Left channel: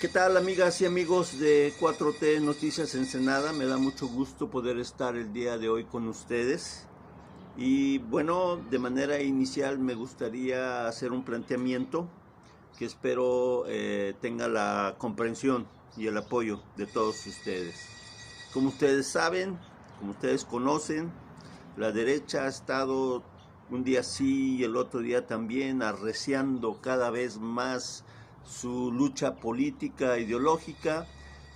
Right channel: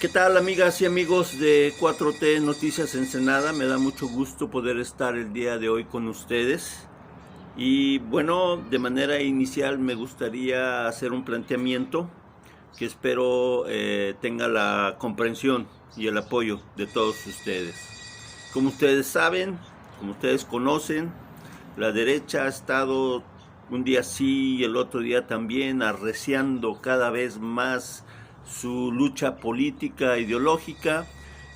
¿Qué tal, amigas y amigos de 4T Noticias Ensenada? Me da mucho gusto poder estar el día de hoy con ustedes. Y bueno, de manera inicial me gustaría hacer un planteamiento que espero tenga la comprensión y el apoyo de todos ustedes. Como ustedes saben, como ustedes conocen, la derecha ha estado un día sí y el otro día también arreciando cada vez más su lucha política ideológica.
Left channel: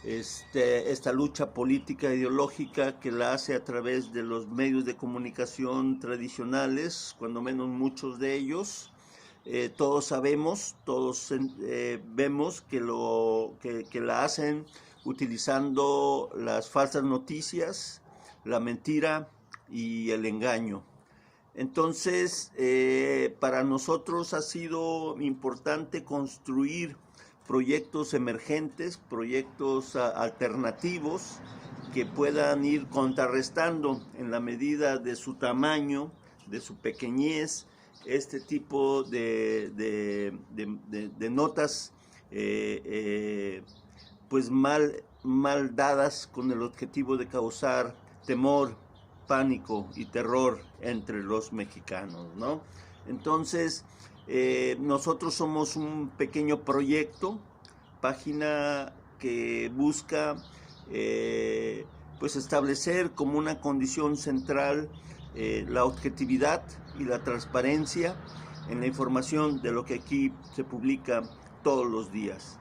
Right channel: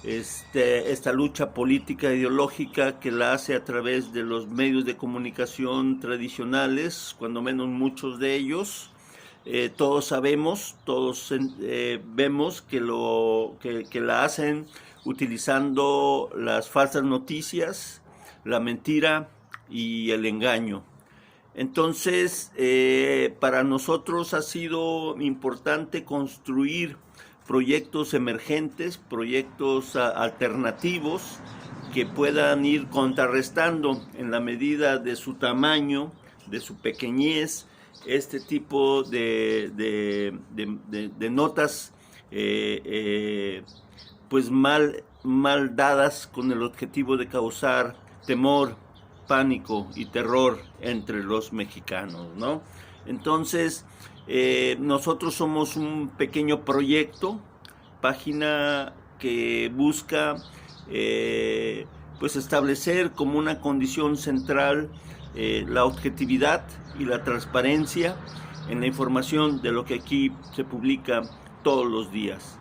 Esta lucha política ideológica que la hace a través de los medios de comunicación tradicionales, cuando menos muchos de ellos. Todos sabemos, todos vemos que la hacen utilizando las falsas noticias, la mentira y el engaño. Entonces, para nosotros ha sido importante construir proyectos emergentes, proyectos alternativos que puedan ir contrarrestando en la medida de su tamaño, de su pequeñez, este tipo de notas pues mal dadas con el objetivo de causar temor, pánico y terror entre los mexicanos, ¿no? Entonces, nosotros somos un pequeño proyecto, página que busca pues establecer como una condición central la objetividad y la transparencia en la información de lo que aquí se publica todos los días.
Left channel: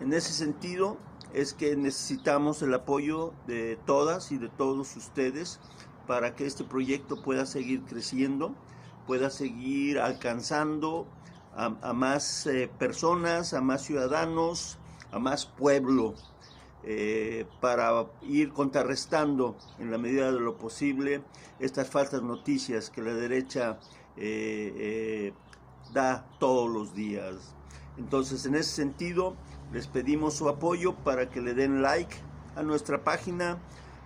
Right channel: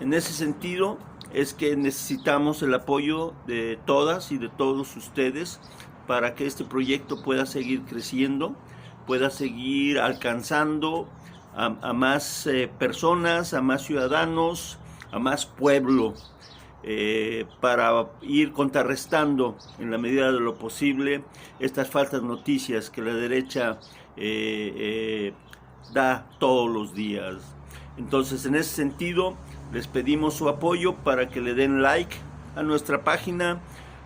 En ese sentido es que necesitamos el apoyo de todas y de todos ustedes para que este proyecto pueda seguir creciendo, pueda seguir alcanzando a más personas, a más ciudadanos, a más pueblo, para ir contrarrestando en la medida de lo posible estas falsas noticias que la derecha da todos los días. Entonces, en ese sentido, les pedimos su apoyo para que le den like a nuestra página,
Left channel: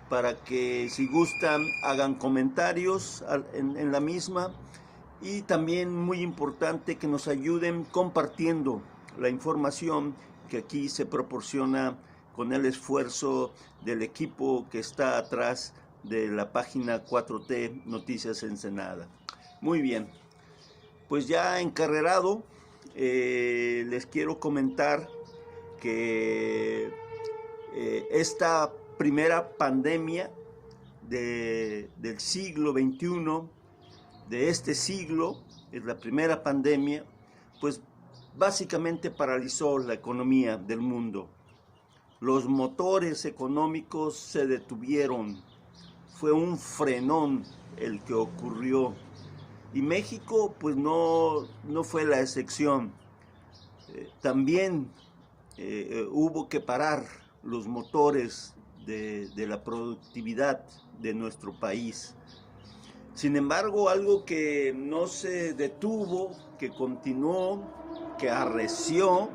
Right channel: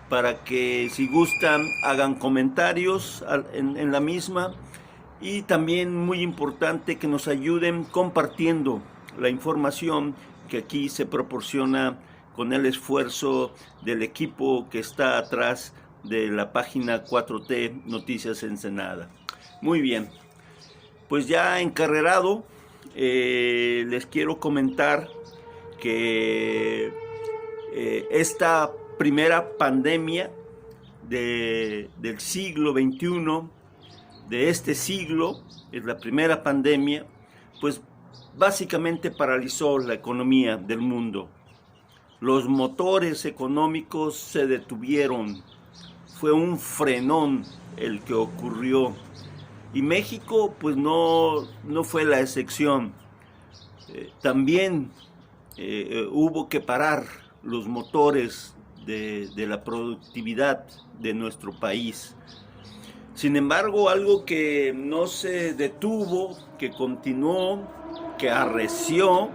para que si gustan hagan comentarios en la misma, y también muy importante que nos ayuden compartiendo la información que aquí se proporciona con el esfuerzo del equipo que está atrás de la página 4T Noticias Ensenada. Muy bien, pues ya encarrerado, les quiero comentar que esta primera pandemia del siglo XXI, de este siglo, es la primera pandemia, pues básicamente paralizó la economía del mundo. Los motores económicos se detuvieron, fue un frenón el que ocurrió. Y México pues no fue la excepción. También hubo que parar los motores de la productividad de nuestro país. Sin embargo, algo que no se detuvo, que continuó, que arreció,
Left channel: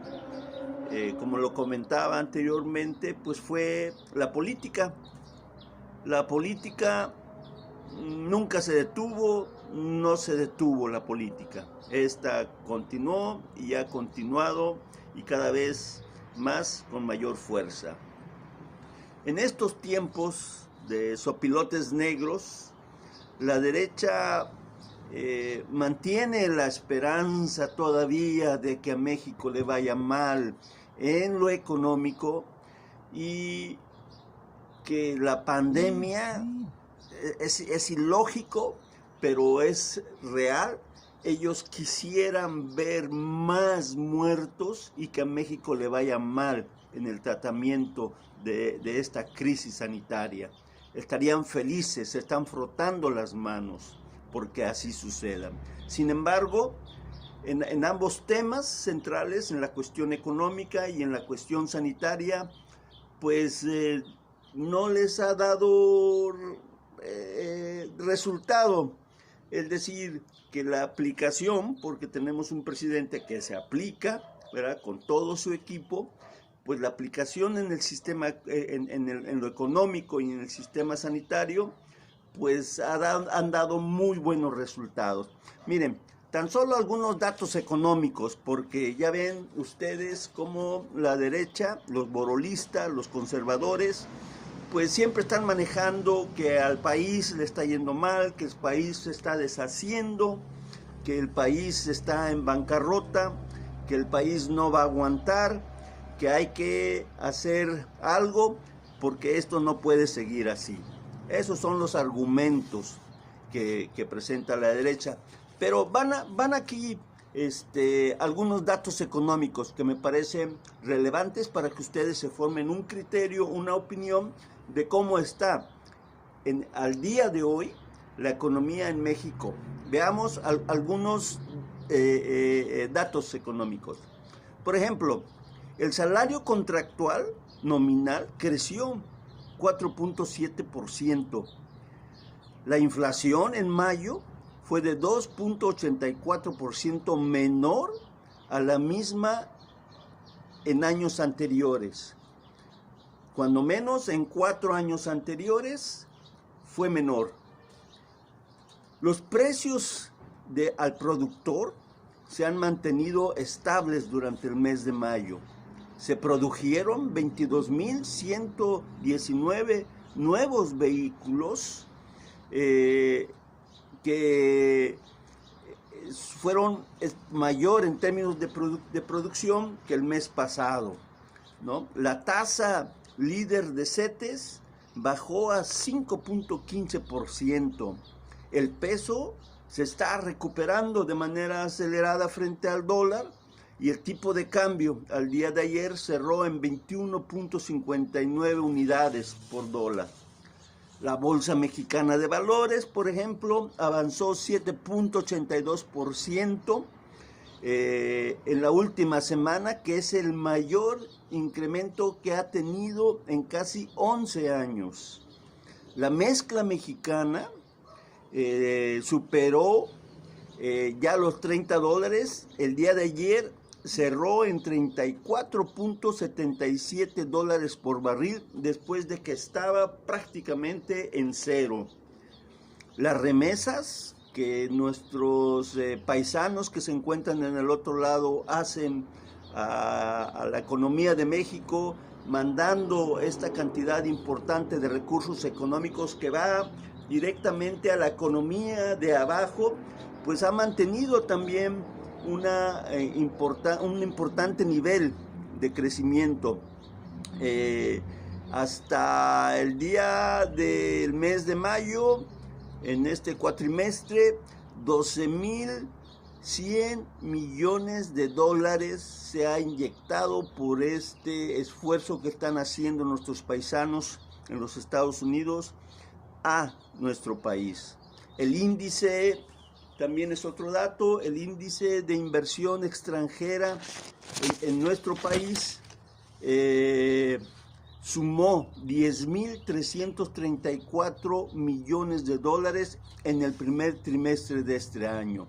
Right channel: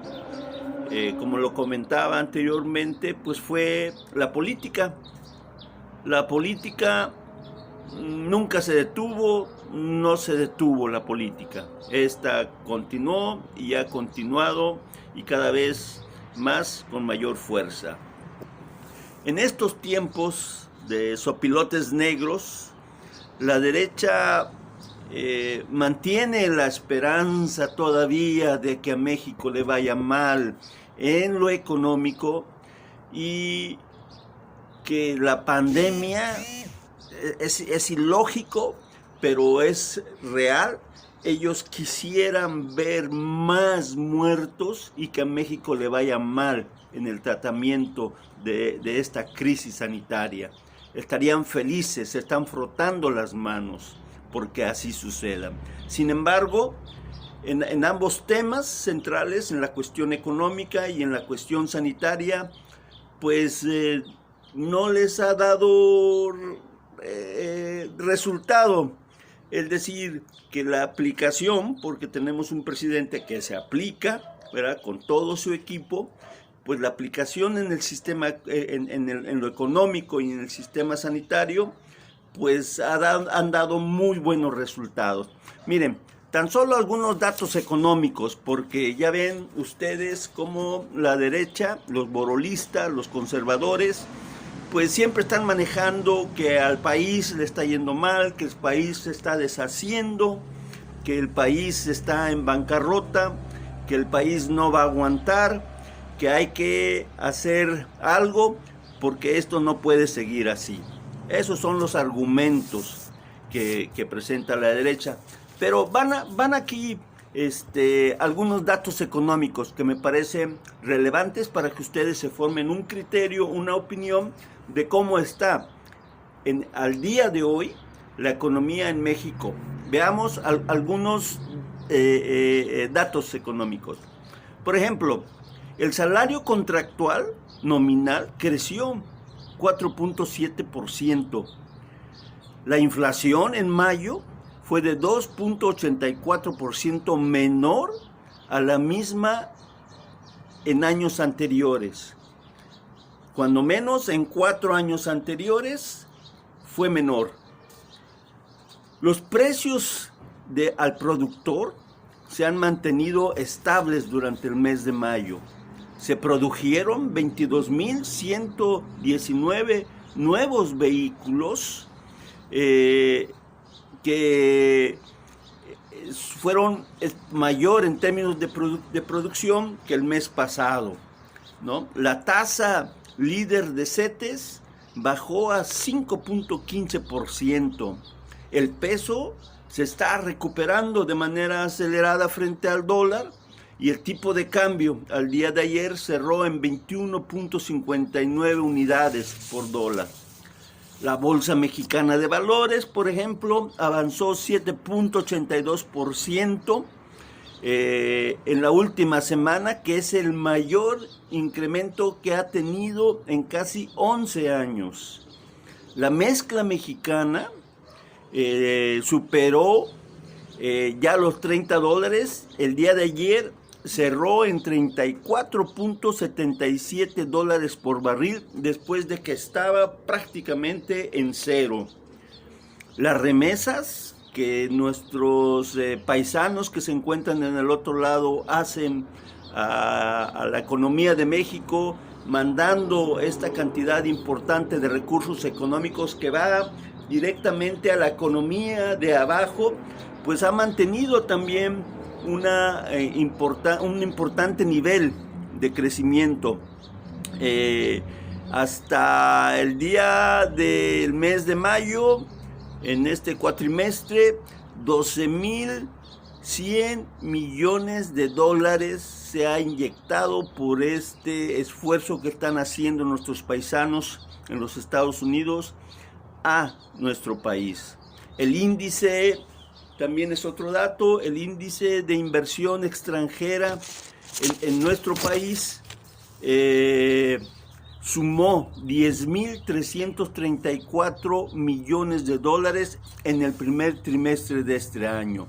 como lo comentaba anteriormente, pues fue la política. La política nunca se detuvo, no se detuvo la política. Esta continuó y ha continuado, y cada vez más con mayor fuerza. En estos tiempos de sopilotes negros, la derecha mantiene la esperanza todavía de que a México le vaya mal en lo económico y que la pandemia es ilógico, pero es real. Ellos quisieran ver más muertos y que a México le vaya mal en el tratamiento de esta crisis sanitaria. Estarían felices, se están frotando las manos porque así suceda. Sin embargo, en ambos temas centrales, en la cuestión económica y en la cuestión sanitaria, pues no les ha dado resultado. Es decir, que la aplicación, porque tenemos un presidente que se aplica, ¿verdad?, con todo su equipo, pues la aplicación en el sistema, en lo económico y en el sistema sanitario, pues han dado muy buenos resultados. Miren, Tan solo algunos datos económicos, porque ya ven ustedes cómo la derecha, los borolistas, los conservadores, pues siempre están manejando que al país le está yendo mal, que el país se está deshaciendo, que el país está en bancarrota, que el país no va a aguantar, que hay que hacer algo porque esto no puede seguir así. Esos son los argumentos que presenta la derecha. Pero van aquí algunos datos económicos que me parecen relevantes para que ustedes se formen un criterio, una opinión de cómo está al día de hoy la economía en México. Veamos algunos datos económicos. Por ejemplo, el salario contractual nominal creció 4.7%. La inflación en mayo fue de 2.84% menor a la misma en años anteriores. Cuando menos en 4 años anteriores fue menor. Los precios al productor se han mantenido estables durante el mes de mayo. Se produjeron 22.119 nuevos vehículos que fueron mayor en términos de producción que el mes pasado, ¿no? La tasa líder de CETES bajó a 5.15%. El peso se está recuperando de manera acelerada frente al dólar y el tipo de cambio al día de ayer cerró en 21.59 unidades por dólar. La Bolsa Mexicana de Valores, por ejemplo, avanzó 7.82% en la última semana, que es el mayor incremento que ha tenido en casi 11 años. La mezcla mexicana superó ya los $30. El día de ayer cerró en $34.77 por barril después de que estaba prácticamente en cero. Las remesas que nuestros paisanos que se encuentran en el otro lado hacen a la economía de México, mandando esta cantidad importante de recursos económicos que va directamente a la economía de abajo, pues ha mantenido también un importante nivel de crecimiento. Hasta el día del mes de mayo, en este cuatrimestre, 12.100 millones de dólares se ha inyectado por este esfuerzo que están haciendo nuestros paisanos en los Estados Unidos a nuestro país. El índice, también es otro dato, el índice de inversión extranjera en nuestro país sumó 10.334 millones de dólares en el primer trimestre de este año.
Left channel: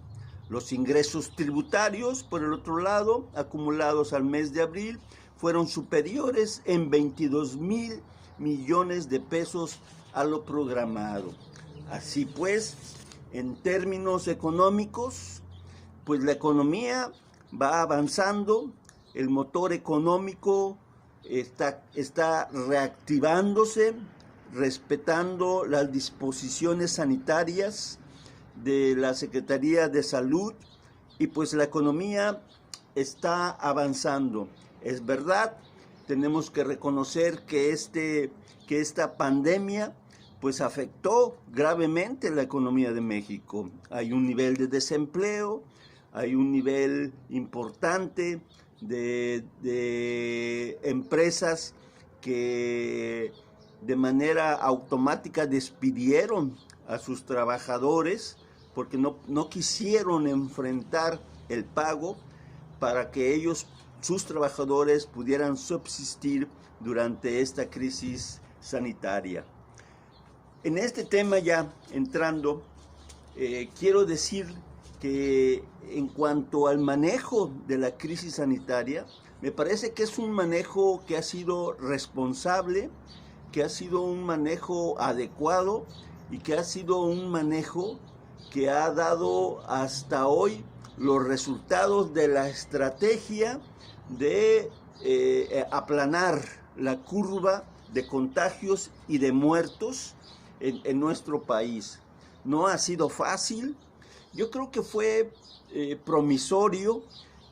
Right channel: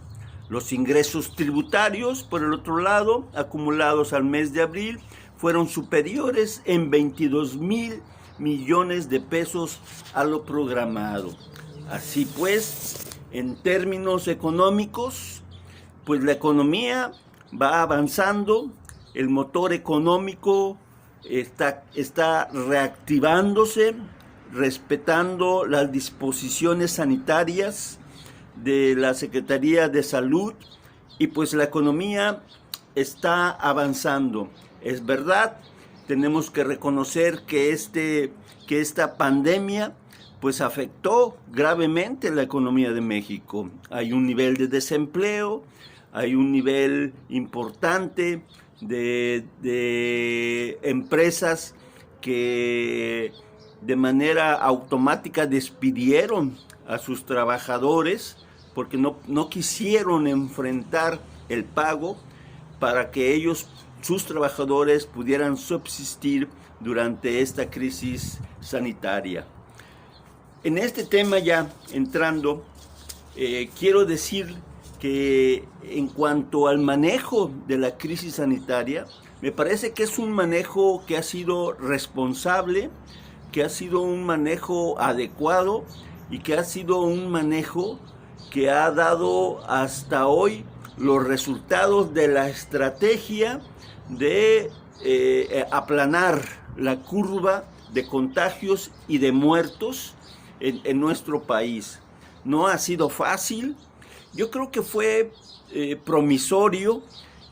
Los ingresos tributarios, por el otro lado, acumulados al mes de abril, fueron superiores en 22.000 millones de pesos a lo programado. Así pues, en términos económicos, pues la economía va avanzando, el motor económico está reactivándose, respetando las disposiciones sanitarias de la Secretaría de Salud, y pues la economía está avanzando. Es verdad, tenemos que reconocer que esta pandemia pues afectó gravemente la economía de México. Hay un nivel de desempleo, hay un nivel importante de empresas que de manera automática despidieron a sus trabajadores porque no quisieron enfrentar el pago para que sus trabajadores pudieran subsistir durante esta crisis sanitaria. En este tema ya entrando, quiero decir que en cuanto al manejo de la crisis sanitaria, me parece que es un manejo que ha sido responsable, que ha sido un manejo adecuado y que ha sido un manejo que ha dado hasta hoy los resultados de la estrategia de aplanar la curva de contagios y de muertos en nuestro país. No ha sido fácil. Yo creo que fue promisorio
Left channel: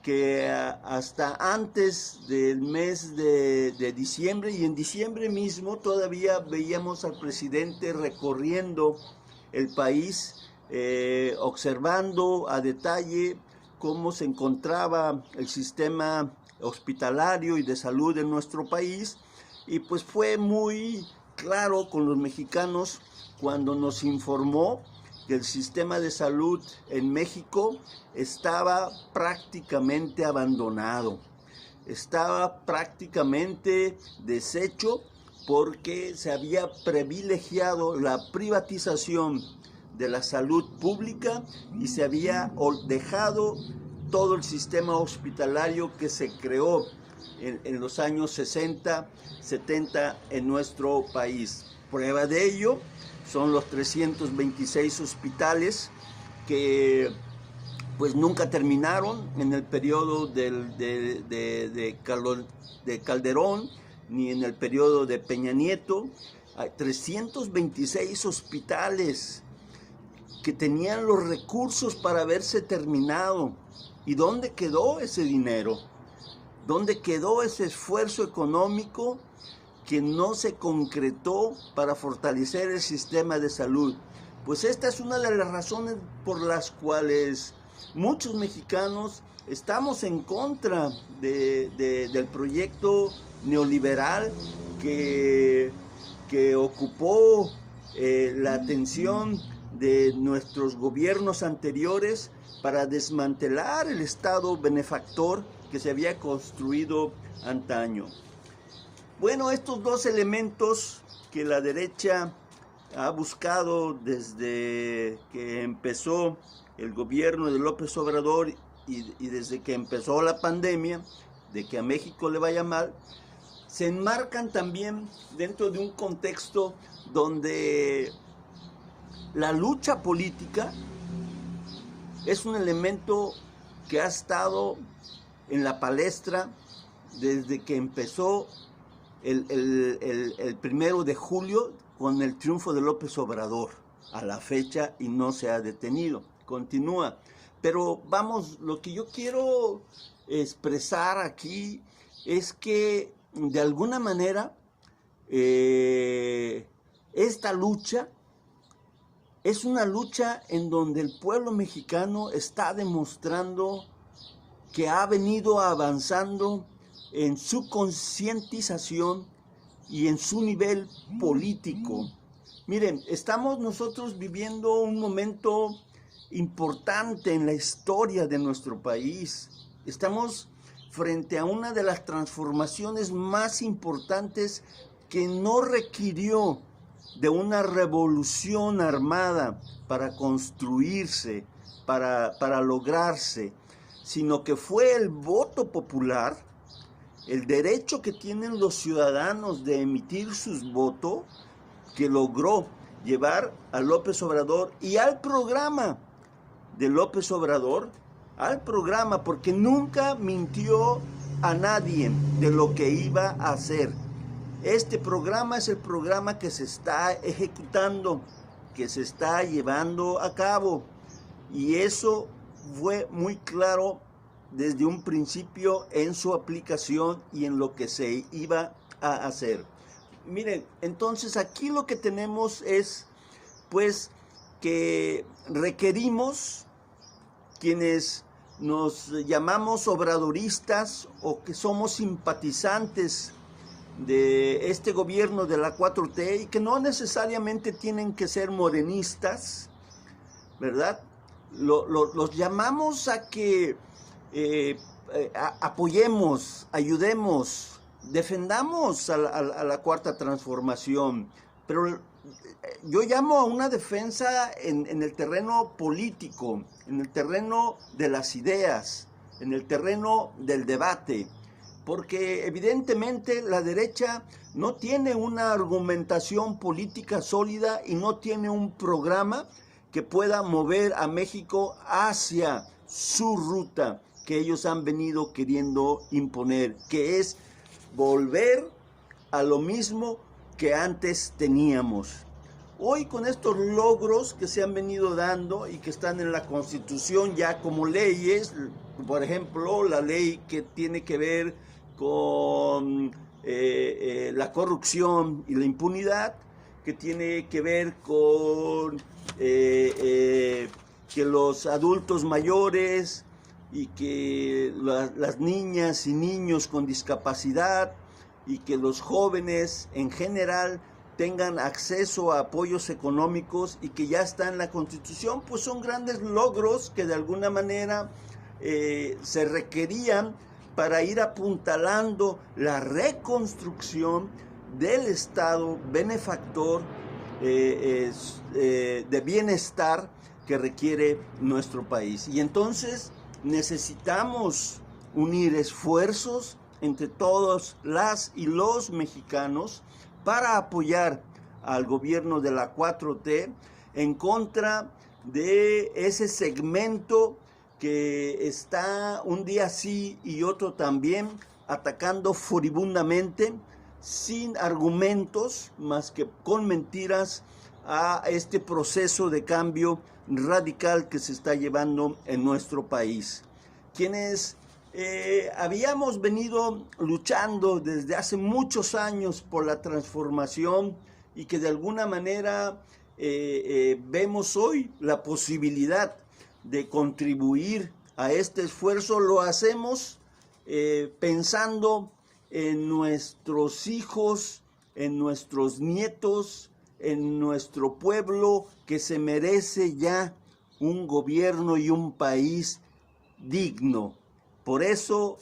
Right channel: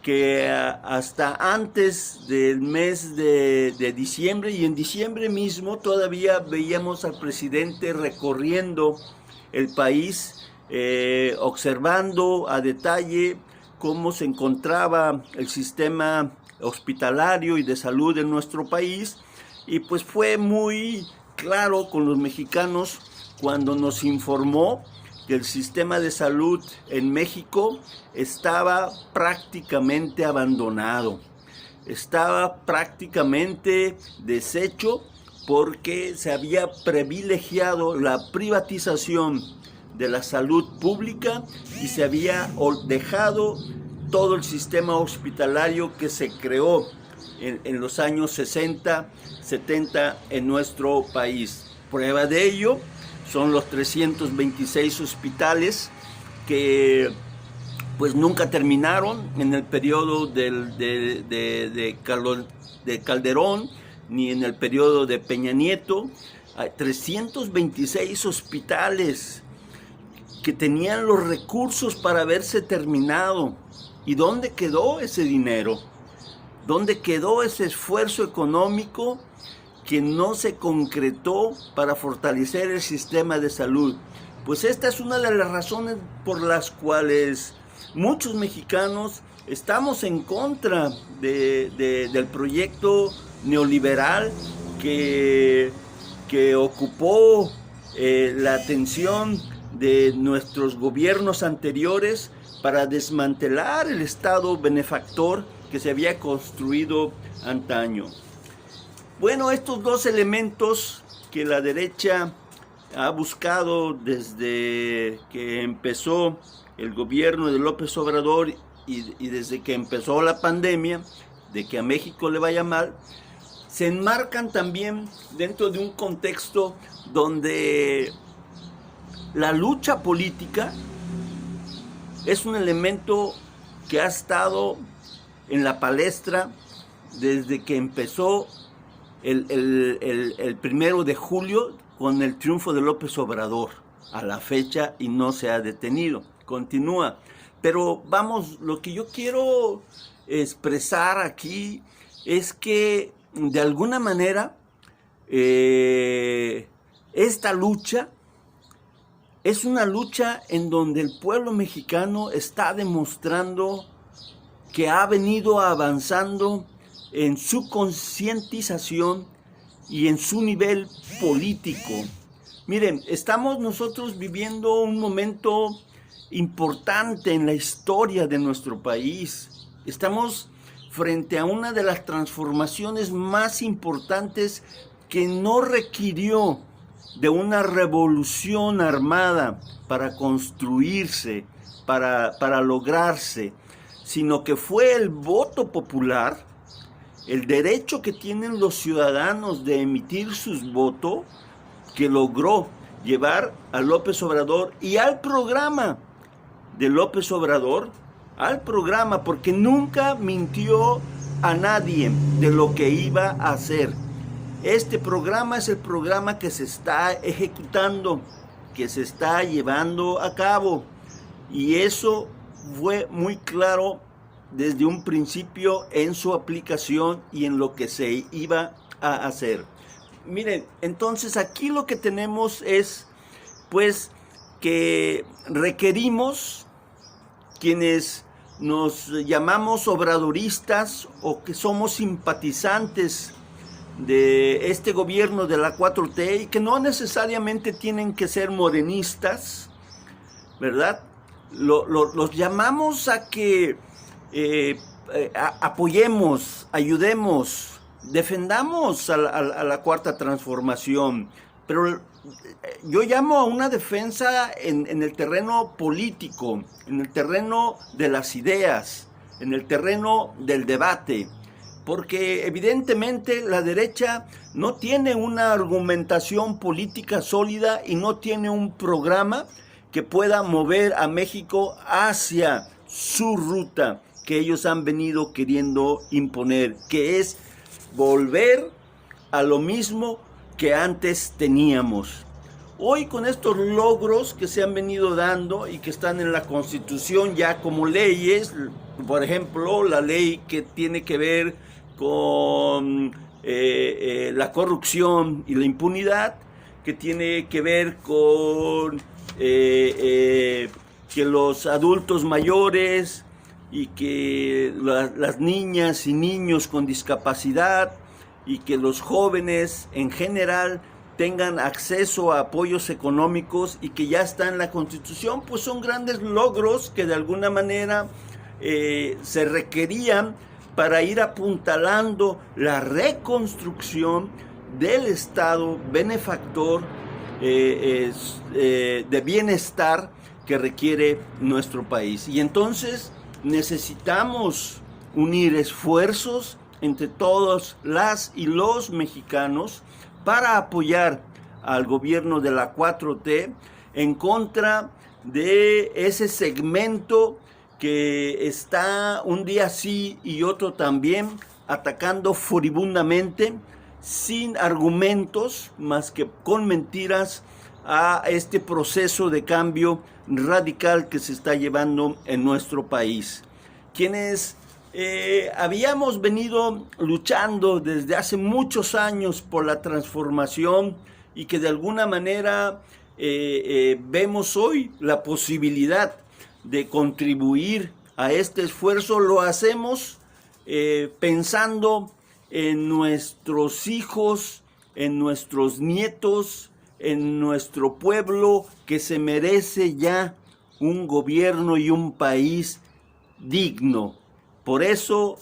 que hasta antes del mes de diciembre, y en diciembre mismo todavía veíamos al presidente recorriendo el país, observando a detalle cómo se encontraba el sistema hospitalario y de salud en nuestro país, y pues fue muy claro con los mexicanos cuando nos informó que el sistema de salud en México estaba prácticamente abandonado, estaba prácticamente deshecho, porque se había privilegiado la privatización de la salud pública y se había dejado todo el sistema hospitalario que se creó en los años 60, 70 en nuestro país. Prueba de ello son los 326 hospitales que pues nunca terminaron en el periodo de Calderón, ni en el periodo de Peña Nieto. Hay 326 hospitales que tenían los recursos para haberse terminado. ¿Y dónde quedó ese dinero? ¿Dónde quedó ese esfuerzo económico que no se concretó para fortalecer el sistema de salud? Pues esta es una de las razones por las cuales muchos mexicanos estamos en contra del proyecto neoliberal que ocupó la atención de nuestros gobiernos anteriores para desmantelar el Estado benefactor que se había construido antaño. Bueno, estos dos elementos que la derecha ha buscado desde que empezó el gobierno de López Obrador y desde que empezó la pandemia, de que a México le vaya mal, se enmarcan también dentro de un contexto donde la lucha política es un elemento que ha estado en la palestra desde que empezó el 1 de julio con el triunfo de López Obrador a la fecha, y no se ha detenido, continúa. Pero vamos, lo que yo quiero expresar aquí es que de alguna manera esta lucha es una lucha en donde el pueblo mexicano está demostrando que ha venido avanzando en su concientización y en su nivel político. Miren, estamos nosotros viviendo un momento importante en la historia de nuestro país. Estamos frente a una de las transformaciones más importantes que no requirió de una revolución armada para construirse, para lograrse, sino que fue el voto popular, el derecho que tienen los ciudadanos de emitir sus votos, que logró llevar a López Obrador y al programa de López Obrador, al programa, porque nunca mintió a nadie de lo que iba a hacer. Este programa es el programa que se está ejecutando, que se está llevando a cabo, y eso fue muy claro desde un principio en su aplicación y en lo que se iba a hacer. Miren, entonces aquí lo que tenemos es, pues, que requerimos, quienes nos llamamos obradoristas o que somos simpatizantes de este gobierno de la 4T, y que no necesariamente tienen que ser morenistas, ¿verdad? Los llamamos a que apoyemos, ayudemos, defendamos a la cuarta transformación, pero yo llamo a una defensa en el terreno político, en el terreno de las ideas, en el terreno del debate, porque evidentemente la derecha no tiene una argumentación política sólida y no tiene un programa que pueda mover a México hacia su ruta que ellos han venido queriendo imponer, que es volver a lo mismo que antes teníamos. Hoy, con estos logros que se han venido dando y que están en la Constitución ya como leyes, por ejemplo, la ley que tiene que ver con la corrupción y la impunidad, que tiene que ver con que los adultos mayores y que las niñas y niños con discapacidad y que los jóvenes en general tengan acceso a apoyos económicos y que ya está en la Constitución, pues son grandes logros que de alguna manera se requerían para ir apuntalando la reconstrucción del Estado benefactor de bienestar que requiere nuestro país. Y entonces necesitamos unir esfuerzos entre todos las y los mexicanos para apoyar al gobierno de la 4T en contra de ese segmento que está un día sí y otro también atacando furibundamente, sin argumentos más que con mentiras, a este proceso de cambio radical que se está llevando en nuestro país. Quienes habíamos venido luchando desde hace muchos años por la transformación y que de alguna manera vemos hoy la posibilidad de contribuir a este esfuerzo, lo hacemos pensando en nuestros hijos, en nuestros nietos, en nuestro pueblo que se merece ya un gobierno y un país digno. Por eso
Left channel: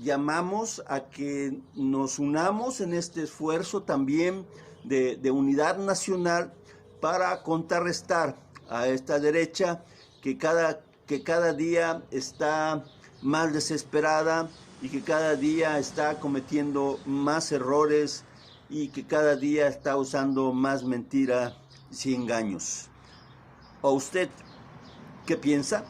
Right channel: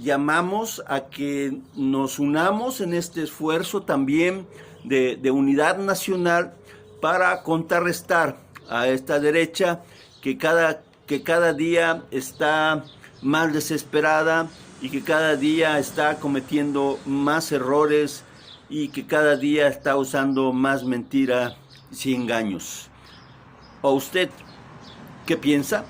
llamamos a que nos unamos en este esfuerzo también de unidad nacional para contrarrestar a esta derecha que cada día está más desesperada y que cada día está cometiendo más errores y que cada día está usando más mentira y engaños. ¿O usted qué piensa?